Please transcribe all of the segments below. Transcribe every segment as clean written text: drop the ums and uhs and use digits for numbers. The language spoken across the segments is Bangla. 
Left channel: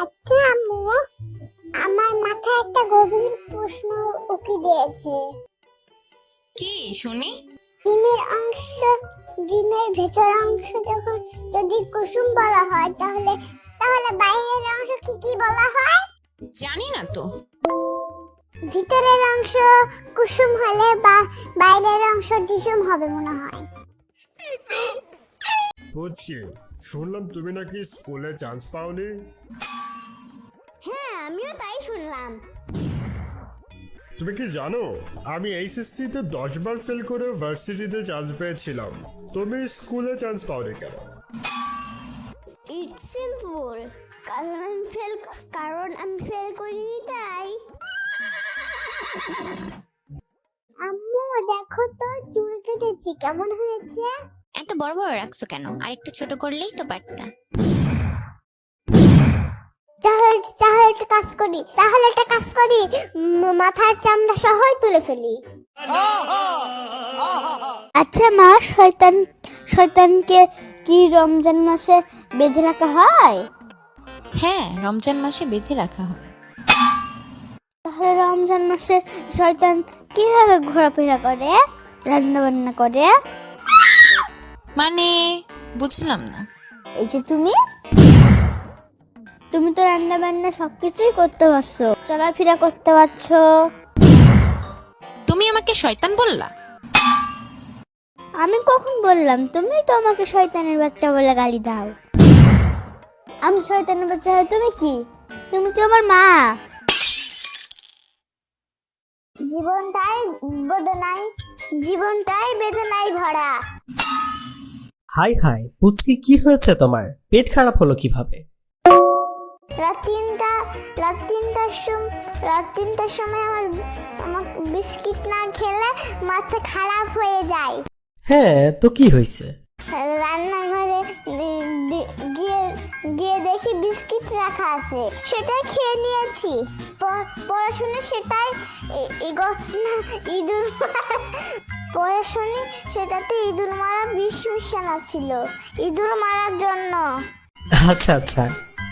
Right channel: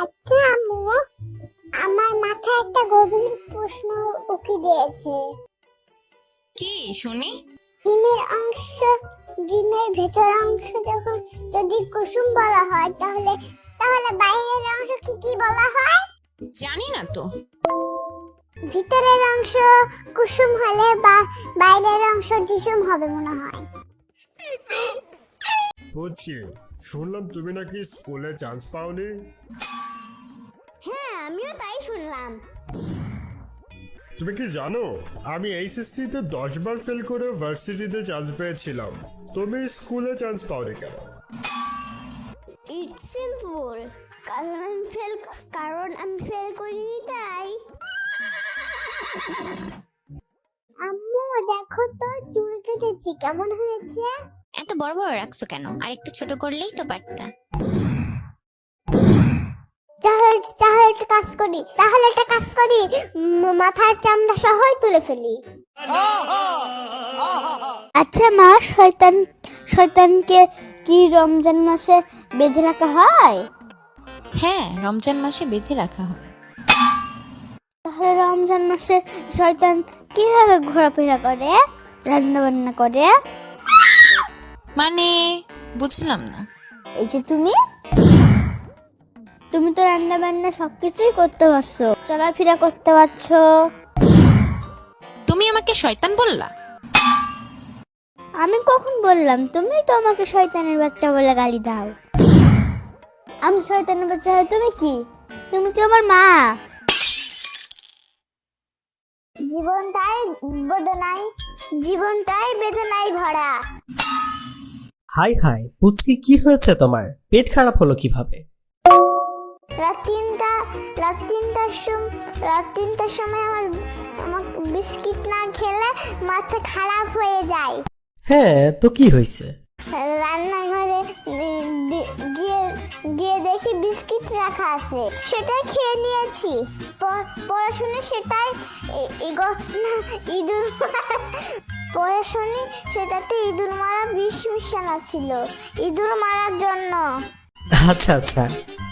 আচ্ছা আম্মু, আমার মাথায় একটা গভীর প্রশ্ন উকি দিয়েছে। কি শুনি? ডিমের অংশ, ডিমের ভেতর অংশ যখন যদি কুসুম বলা হয়, তাহলে তাহলে বাইরের অংশ কি কি বলা হয়? জানি না তো। ভিতরের অংশ কুসুম হলে বা বাইরের অংশ ডিসুম হবে মনে হয়। বুঝছি, শুনলাম তুমি নাকি স্কুলে চান্স পাওনি। হ্যাঁ, আমিও তাই শুনলাম। তুমি কি জানো, আমি এইচএসসি তে 10 বার ফেল করে ভার্সিটিতে চান্স পেয়েছিলাম। তুমি স্কুলে চান্স পাওনি কেন? ইটস সিম্পল, কারণ আমি ফেল করিনি তাই। আম্মু দেখো তো, চুল কেটেছি, কেমন হয়েছে? এত বড় বড় রাখছো কেন? আর একটু ছোট করলেই তো পারতা। তাহলে একটা কাজ করি, মাথার চামড়া সহ তুলে ফেলি। আচ্ছা মা, শয়তানকে কি রমজান মাসে বেঁধে রাখা হয়? হ্যাঁ, রমজান মাসে বেঁধে রাখা হয়। তাহলে রমজান মাসে শয়তান কিভাবে ঘোরাফেরা করে, রান্না বান্না করে? মানে বুঝলাম না। এই যে তুমি তো রান্না বান্না সবকিছুই করতে পারছো, চলাফেরা করতে পারছো। তুমি আমাকে শয়তান বললা? আমি কখন বললাম? তুমি তো আমাকে শয়তানের বাচ্চা বলে গালি দাও। আমি শয়তানের বাচ্চা হয়, তুমি কি? তুমি তো আমার মা। জীবনটাই বেদনায় ভরা। হাই হাই পুচকি, কি হয়েছে তোমার? পেট খারাপ হলো কিভাবে? রাত তিনটার সময় আমার বিস্কিট না খেলে মাথা খারাপ হয়ে যায়। হ্যাঁ, তো কি হয়েছে? রান্নাঘরে গিয়ে দেখি বিস্কিট রাখা আছে, সেটা খেয়ে নিয়েছি। পড়াশোনা সেটাই ইঁদুর পড়াশোনা সেটাতে ইঁদুর মারা বিষ মেশানো ছিল, ইঁদুর মারার জন্য। আচ্ছা আচ্ছা,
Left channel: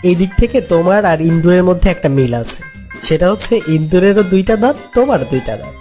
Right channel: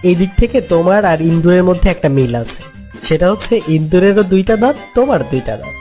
এই দিক থেকে তোমার আর ইন্দুরের মধ্যে একটা মিল আছে। সেটা হচ্ছে ইন্দুরেরও 2টা দাঁত, তোমার 2টা দাঁত।